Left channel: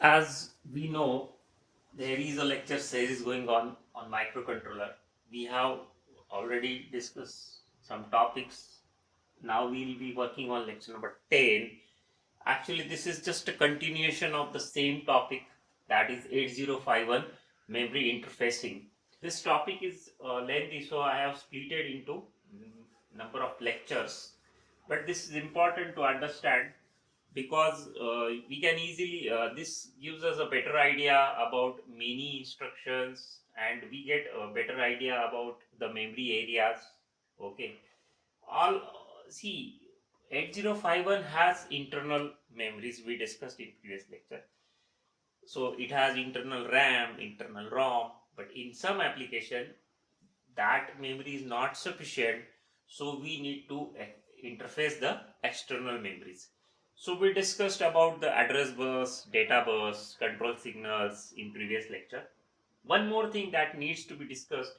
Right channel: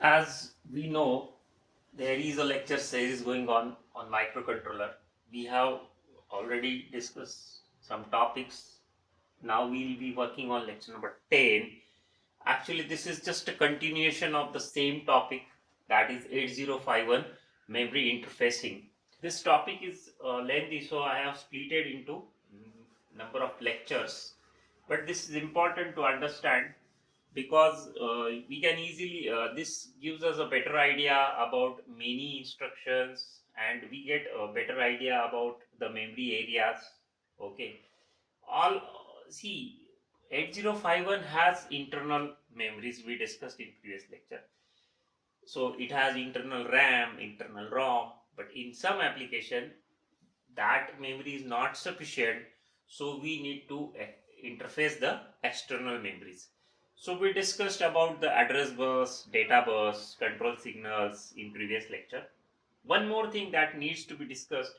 As we know, there is a lecture series going on microcontroller. We have already discussed some topics. Now we'll be working on lecture number 10. Actually, this is just a continuation of the same topic, that is 8051 memory interfacing. This topic is lengthy, so I have split it into number of lectures. But this is important to understand because we can easily this gives us a better idea about many instructions, and we get a better idea about the memory areas. Okay, all see, 8051 has internal memories we discussed in previous lecture. So it has internal RAM, internal ROM, but in some application that memory is not sufficient, so we need to interface the external memories. So we discussed about the address bus, data bus, control signals in previous lecture. One more thing that needs to be discussed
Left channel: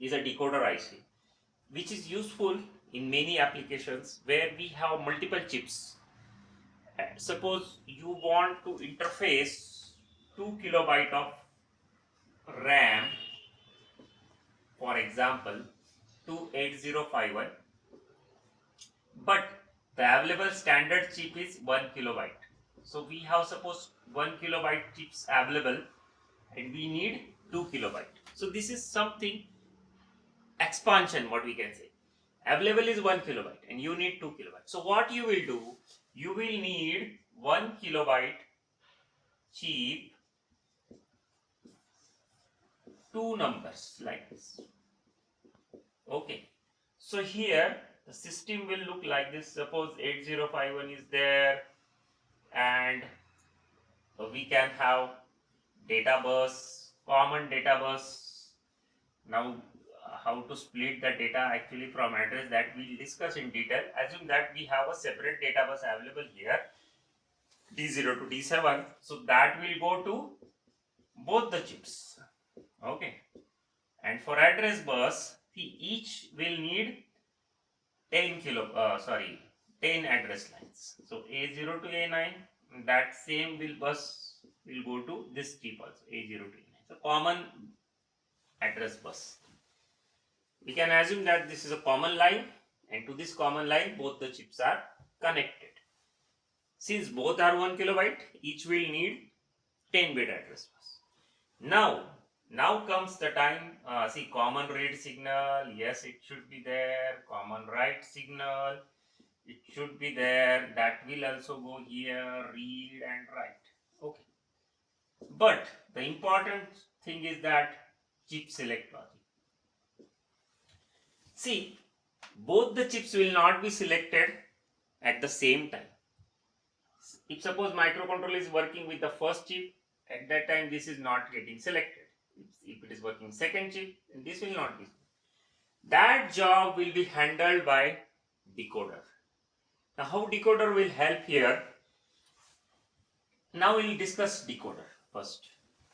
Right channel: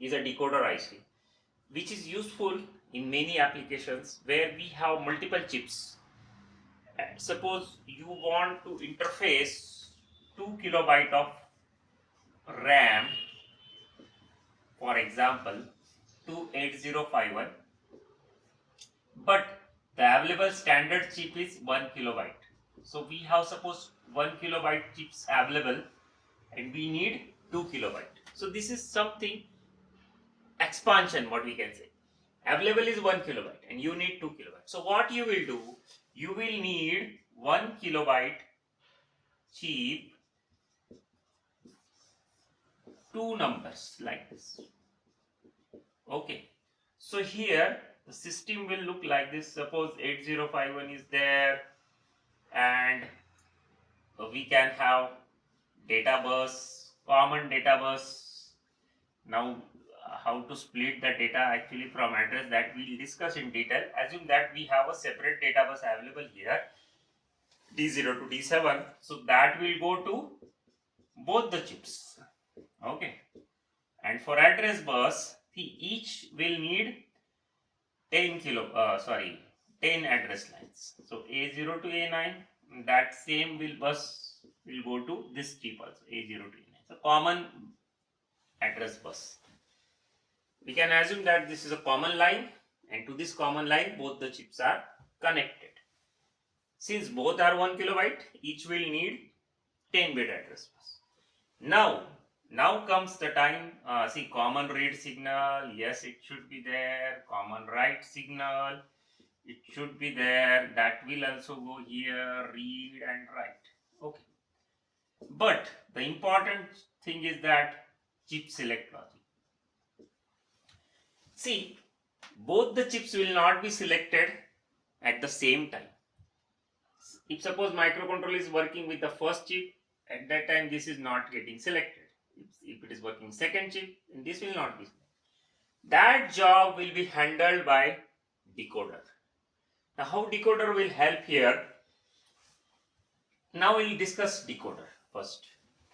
is a decoder IC, which is useful in many applications where we have multiple chips. Suppose you want to interface 2 kilobyte of RAM, for example, to 8051, but the available standard chip is 1 kilobyte. So we have suppose 1 kilobyte chips available and we need 2 kilobyte. So this is something expansion, what we can say. Available is 1 kilobyte and you need 2 kilobyte. So what you will do, you will need 1 kilobyte chip, two numbers like this. Okay, so here the system will look like this. Suppose 8051 is there, and we can have data bus, common data bus. Now, how to split the data actually from address, that we'll discuss in detail. Assume that we have a separate data bus available here, D0 to D7. So that will go to both the chips. Okay. And for address bus, each will need 10 address lines. So A0 to A9, that same will go to this chip also, A0 to A9. So common address bus. We can assume that this is a common line, and to this common line both the chips are connected. Since both are 1 kilobyte, each will need 10-bit address bus. Now comes the time, see, common read signal, yes, it should be there. Common write signal, it should be there. That will also go here, read and write. Okay. But the important thing is that chip select logic. See, both the chips will not be selected at the same time. If suppose microcontroller is working with the first chip, at that time this is not getting selected. If it is working second chip, then this will not be. That job will be handled by decoder. Now how decoder will help here? Now we'll discuss decoder first.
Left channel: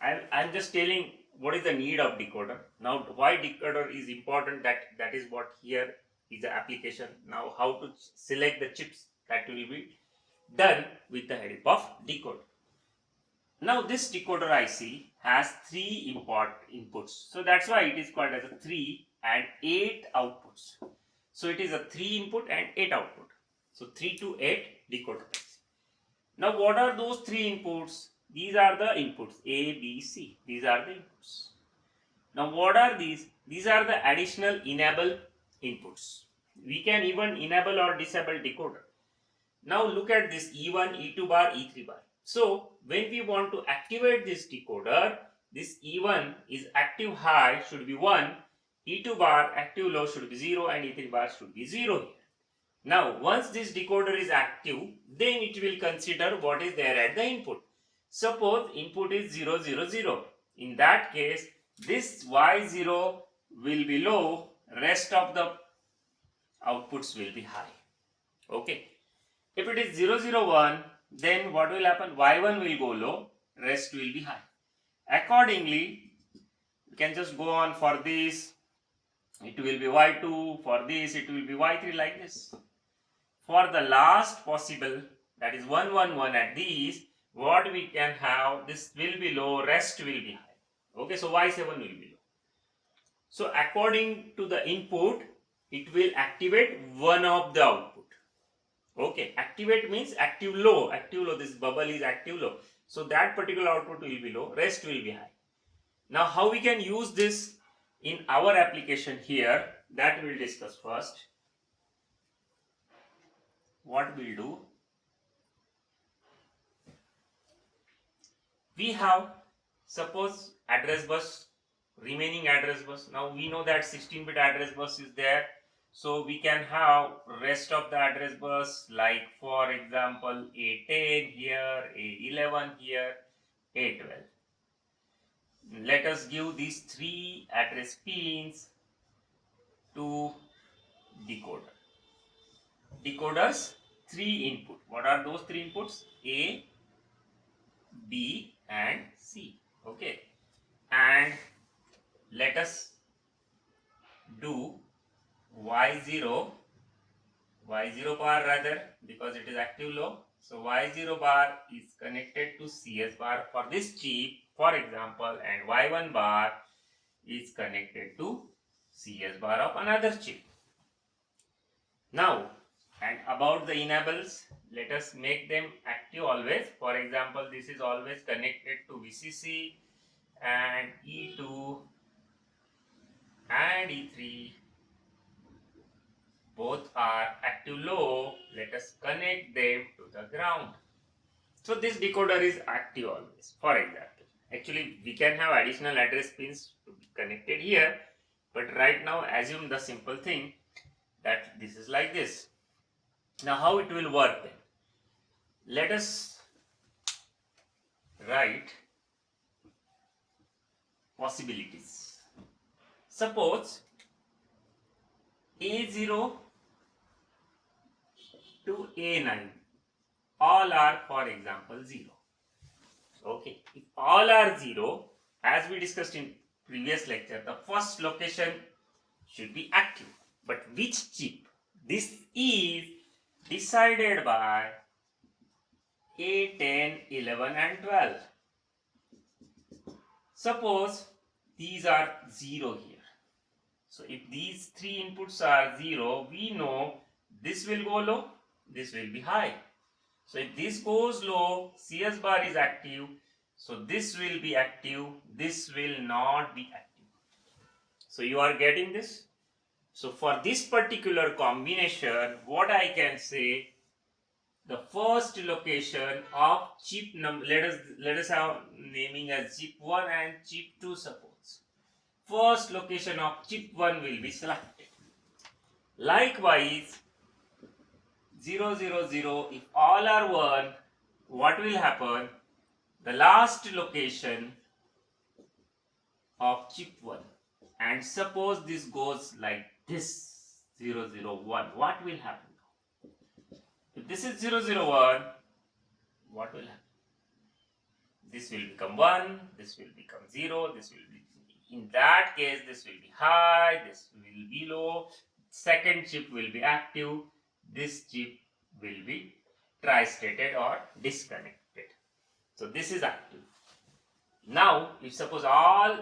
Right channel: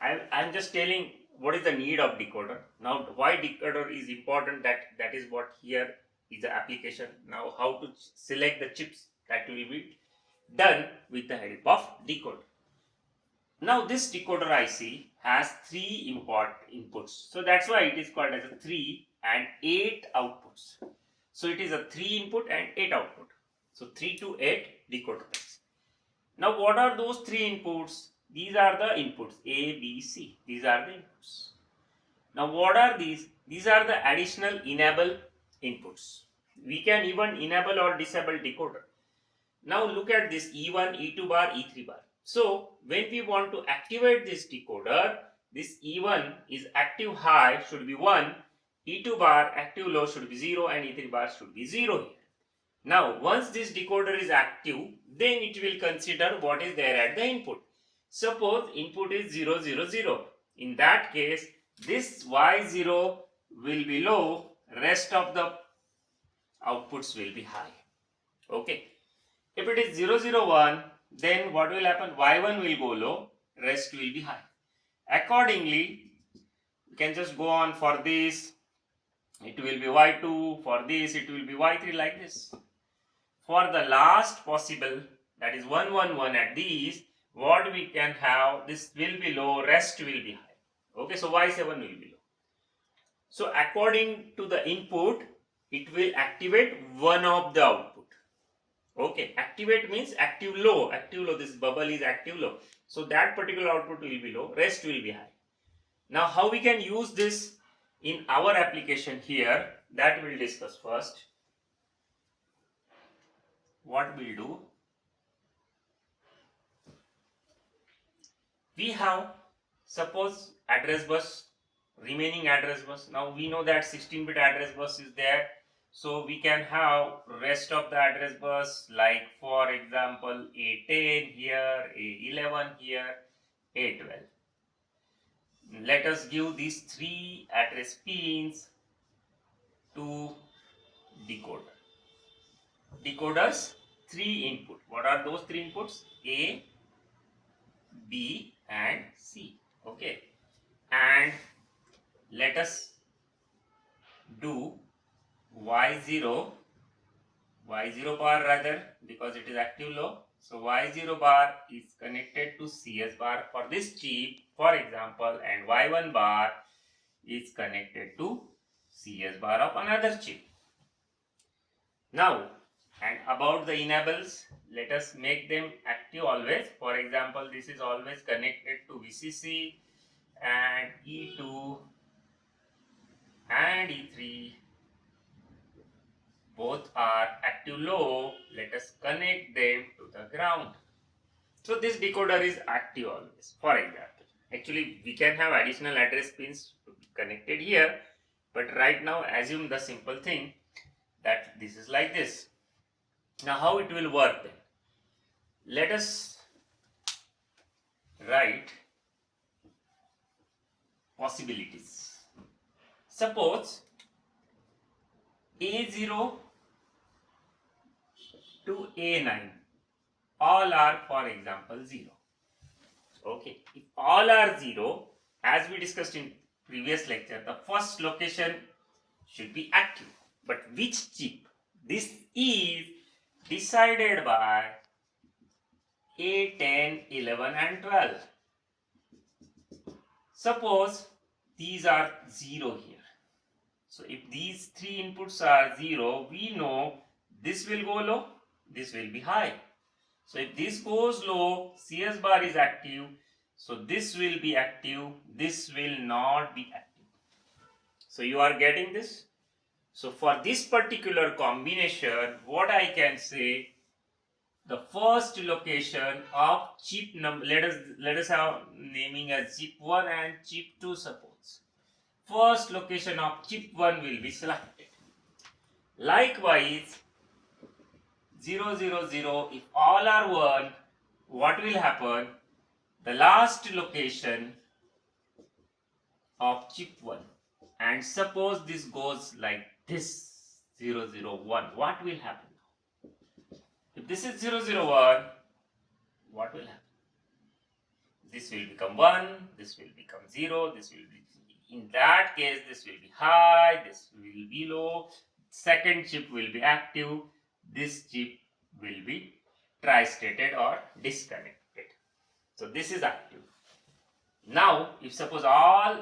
I'm just telling what is the need of decoder. Now why decoder is important, that is what here is the application. Now how to select the chips, that will be done with the help of decoder. Now this decoder IC has 3 inputs. So that's why it is called as a 3 and 8 outputs. So it is a 3 input and 8 output. So 3 to 8 decoder IC. Now what are those 3 inputs? These are the inputs A, B, C. These are the inputs. Now what are these? These are the additional enable inputs. We can even enable or disable decoder. Now look at this E1, E2 bar, E3 bar. So when we want to activate this decoder, this E1 is active high should be 1, E2 bar active low should be 0, and E3 bar should be 0 here. Now once this decoder is active, then it will consider what is there at the input. Suppose input is 0, 0, 0. In that case, this Y0 will be low, rest of the outputs will be high. Okay. If it is 0, 0, 1, then what will happen? Y1 will go low, rest will be high. Accordingly, you can just go on for this, it will be Y2, for this it will be Y3, like this. For the last possible, that is 1, 1, 1 at these, what we can have, this will be low, rest will be high. Okay, so Y7 will be low. So according to the input, it will activate one of the output. Okay, activate means active low, this bubble is active low. So that particular output will be low, rest will be high. Now how we can use this in our application here, that we'll discuss first. What we'll do, we have, suppose, address bus, remaining address bus. Now we know that 16-bit address bus is there, so we can have rest of the address bus, like for example A10 here, A11 here, A12. Let us give these three address pins to decoder. Decoder's three input. What are those three inputs? A, B and C. Okay, and let us do y0 bar rather, because it is active low. So y0 bar is connected to CS bar for this chip, for example, and y1 bar is connected to CS bar of another chip. Now, and about the enables, let us make them active always. For example, this is always connected to VCC, and E2 and E3 both are active low. Let us connect them to the ground. So this decoder is active always. For example, actually we can have additional address pins to be connected here, but right now assume the simple thing that this is like this. Now how it will work then? Let us write possibilities. Suppose A0 to A9 all are, for example, 0. Okay, if all are 0, as we discussed in previous lecture, the first location should be active. But which chip? This is decided by A10, 11 and 12. Suppose these are 0 here. So if these three inputs are 0, we know this will go low, this will be high. So if this goes low, CS bar is active, so this will be active, this will not be active. So you are getting this? So for this particular combination, what I can say, the first location of chip number, let us have naming as chip 1 and chip 2 suppose. First location of chip 1 will be selected. Likewise, 0, 0, 0, if all are 1, what will happen? The last location of chip 1. And suppose this goes like this, 0, 0, 1. What will happen? If this is 0, 0, 1, what will happen? This will become 1, this will become 0, this will be, in that case, this will be high, this will be low, second chip will be active, this chip will be tri-stated or disconnected. So this is active. Now, if suppose all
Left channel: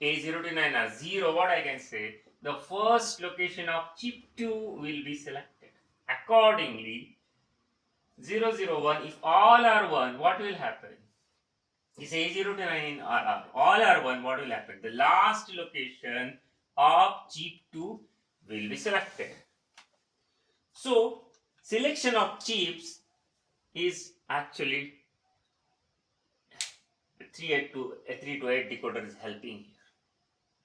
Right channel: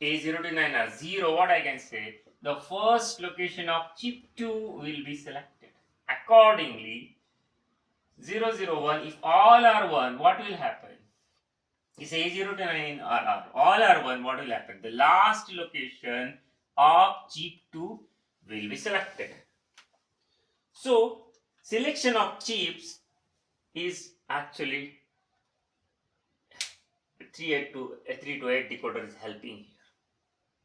A0 to 9 are 0, what I can say? The first location of chip 2 will be selected. Accordingly, 0, 0, 1, if all are 1, what will happen? If A0 to 9 are all are 1, what will happen? The last location of chip 2 will be selected. So, selection of chips is actually 3 to 8 decoder is helping here.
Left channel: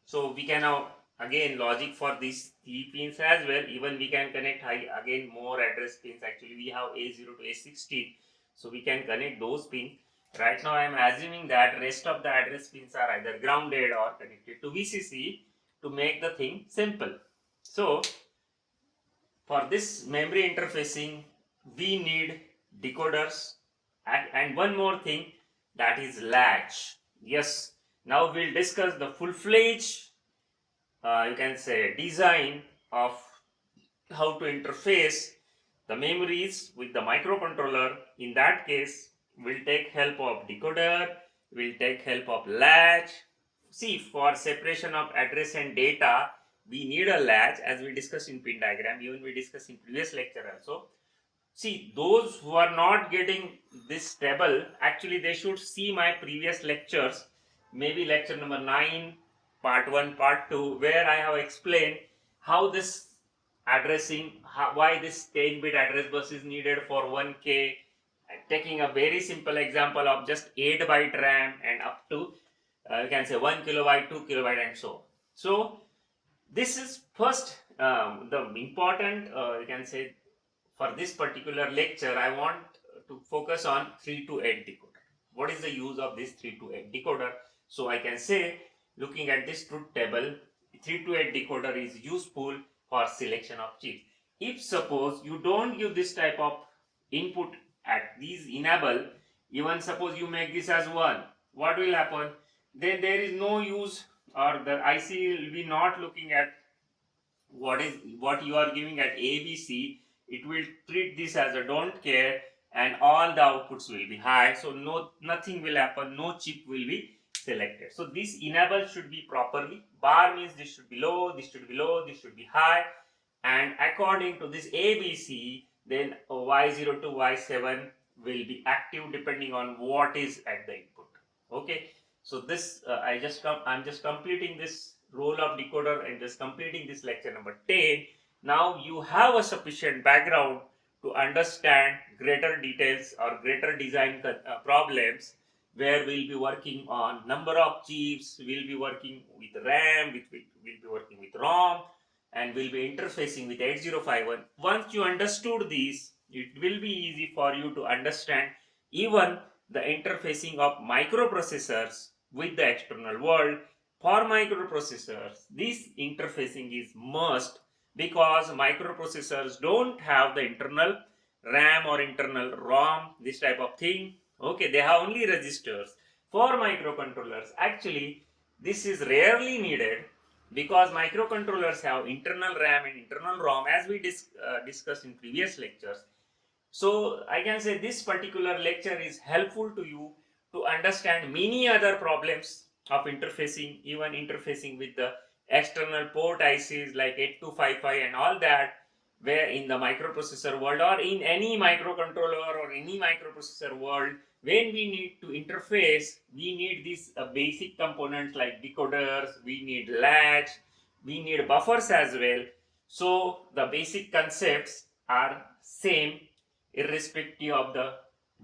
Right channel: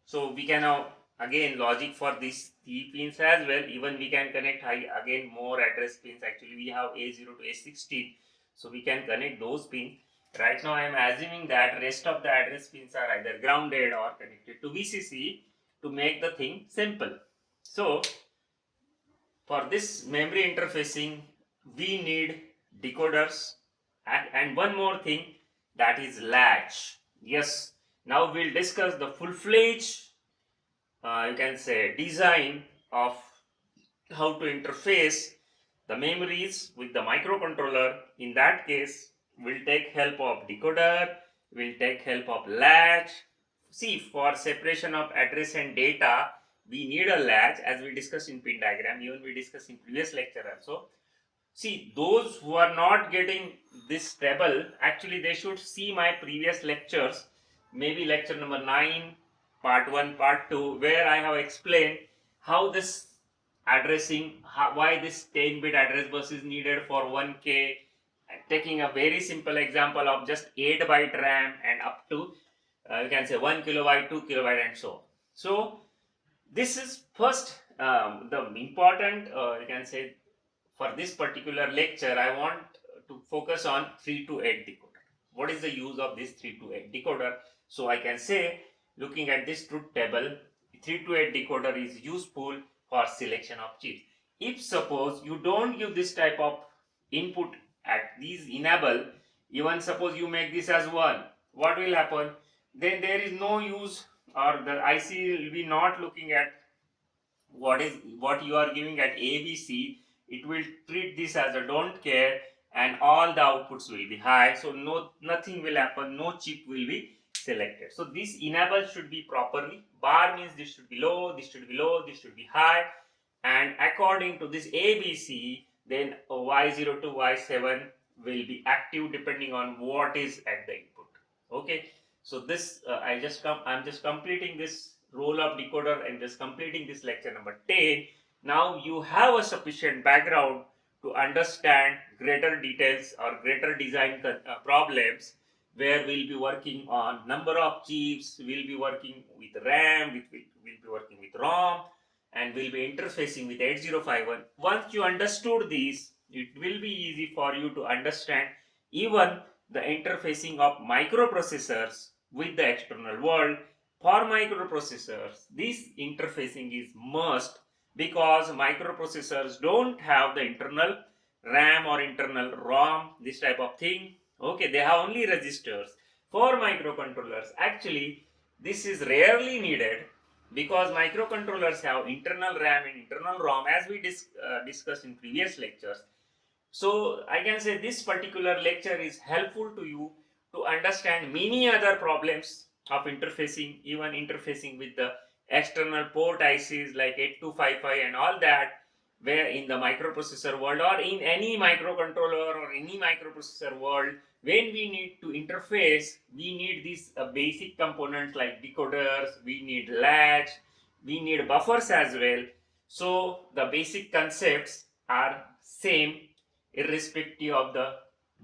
So, we can now again logic for these 3 pins as well. Even we can connect again more address pins. Actually, we have A0 to A16. So, we can connect those pins. Right now, I am assuming that rest of the address pins are either grounded or connected to VCC to make the thing simple. So, for this memory interfacing, we need decoders and one more thing, that is latch. Yes, now we'll discuss the full-fledged, you can say, design of how to interface the memories with the microcontroller. In that case, we'll take help of decoder, we'll take help of latch. See, for separation of address and data, we need a latch, as we discussed in pin diagram, even we discussed in previous lecture also. See, those who are not getting this table, actually they should see my previous lectures, maybe lecture number 9, part 1, part 2, where I have explained how this addressing, why this 10-bit address bus is needed for 1K, taking a very simple example of just 8 byte RAM and up to you can say 1 kilobyte, 2 kilobyte and so on. So this is first the important you can say for this particular lecture, I want to focus on 3 to 8 decoder. What is the use of this 3 to 8 decoder? So I can say, looking at this truth table, 3 to 8 decoder is useful for selection of chips. If suppose you don't give this type of input at these enable, even suppose you make this as 1, what will happen? Then there is no use, or the IC will be not looking at what you are giving at ABC. It will treat this as a don't care, and all the outputs will be high, so nothing will happen, no chip will be selected. So this enable should be properly, bar means this should be low, this should be low, this should be high, and according to this ABC, then Y0 to Y7 will be active depending on what is at the input. Okay, so this I'm just completing this role of decoder and just completing this lecture number 10. Now you have a sufficient background to understand greater details or greater design problems, where we'll be working on number of chips, we'll be working with RAM, we'll be working with ROM, and we'll be interfacing with 8051. Once you understood this, it will be easy for you to understand even the interfacing of microprocessors with the external world. For microprocessors, this interfacing is must, because microprocessors don't have the internal RAM or internal ROM, this type of thing. Okay, they have only registers. For microcontrollers, actually, this is rarely needed, because microcontrollers have internal RAM and internal ROM, as we discussed in previous lectures. So I can say this particular lecture is helpful to you to understand many other problems of interfacing, even interfacing with the external port ICs like 8255 and all that, where in the microprocessor world or in any microcontroller or any microprocessor world, when we need to interface, we need these basic components like decoders, we need latch, we need buffers as well. So the basic concepts are same irrespective of the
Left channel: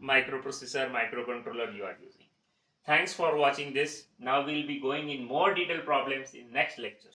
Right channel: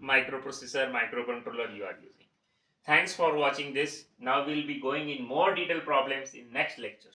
microprocessor, microcontroller you are using. Thanks for watching this. Now we'll be going in more detailed problems in next lecture.